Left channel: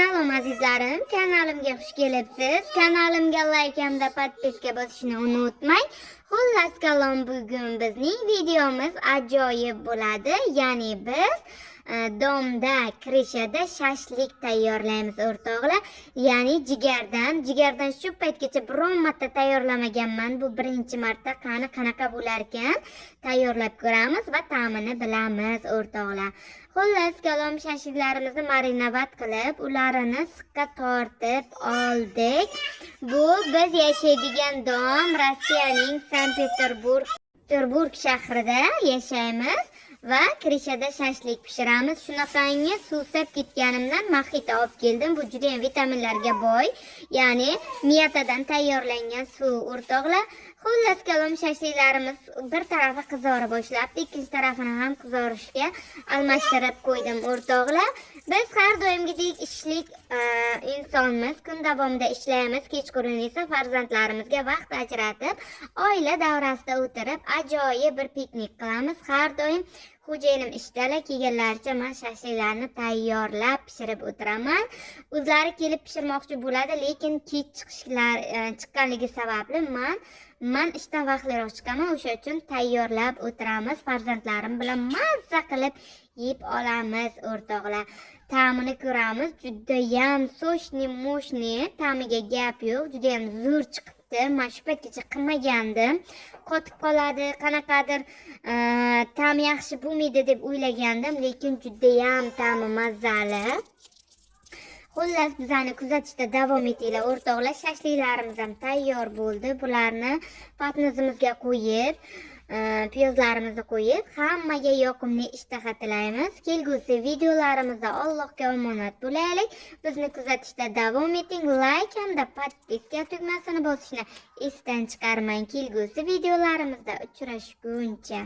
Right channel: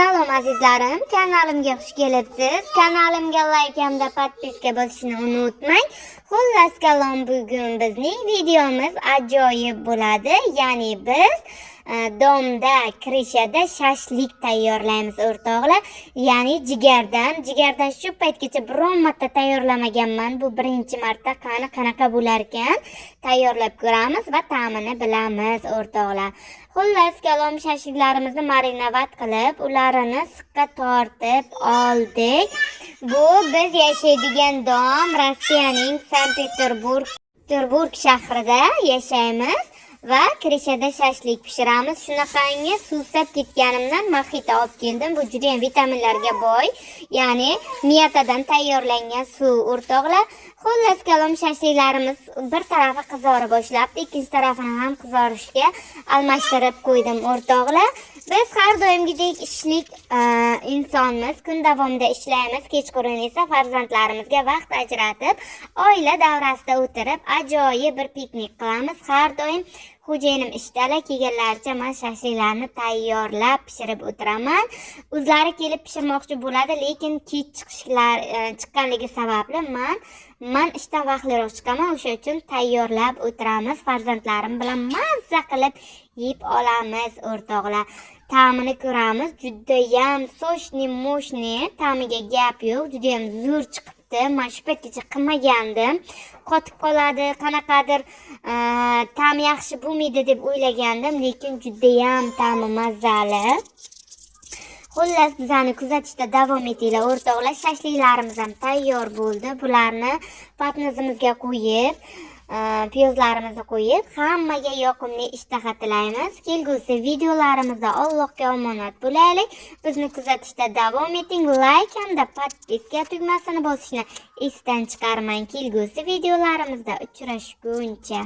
Salom azizlarim, kanalimga xush kelibsiz. Kanalimga like hamda podpiska bosishni unutmang. Xullas kalom, bugun bizning videomiz ajoyib bo'ladi. Ya'ni biz domda, krishada shashlik tayyorlaymiz o'rtoqlar. Ya'ni jigardan shu paytgacha biron marta tayyorlamaganman. Bu birinchi marta. Qanaqa bo'lar ekan? Tayyorlab ko'ramiz va ta'mini bilamiz o'rtoqlar. Xullas kalom, shashliklarimizni marinovat qilib, ularni siqqa tortib oldik. Bu biz yashaydigan dom Rossiyaning Sankt-Peterburg shahrida yashaymiz va krishada shashlik pishiramiz. Shunaqangi suvsab ketganimdan maxita olib keldim. Bu juda ham vitaminlarga boy. Ya'ni miyatadan tayyorlangan suv o'rtoqlar. Xullas kalom, shashliklarimiz bir tarafi qizora boshlabdi, ikkinchi tarafini ham qizarishga almashtirib qo'ydim o'rtoqlar. Biz har doimgidek ishlik insonmiz, kun davomida ishlaymiz, kechqurun esa farzandlarimizga vaqt ajratib, oila davrasida o'tirib ajoyib bir piknik qilamiz. Har doim xo'jayinim ishdalar, kelganlaricha men shashliklarni tayyorlab pishirib o'tiraman. O'zlari kelib pishirmoqchi bo'ladi, lekin kech chiqqanligi sababli men ishdan vaqtliroq chiqaman. O'sha uchun tayyorlab o'tiramiz. Farzandlarim bilan mazza qilib yeb olamiz o'rtoqlar. Ta'mini ko'ramiz. Juda ham sochni, ta'miga gap yo'q. Juda ham zo'r chiqibdi. Men shu paytgacha qilmagandim. Qotib qoladi, qanaqadir ta'mi yaxshi bo'lmaydi deb o'ylagandim, lekin juda ham ta'mi mazali. Xullas, bizani kuzatishda davom etinglar o'rtoqlar. Shashliklarimiz ham tayyor bo'ldi. Bularni patnozimizga qo'yib, piyozlarimizni qo'yib, hammaga yoqimli ishtaha tilaymiz. Kelgusi videolarimizda Allohga omonat bo'laylik. Bizni kuzatishda davom eting. Like hamda podpiska tugmasini bosishni esdan chiqarmang. Kelgusi videolarimizda uchrashguncha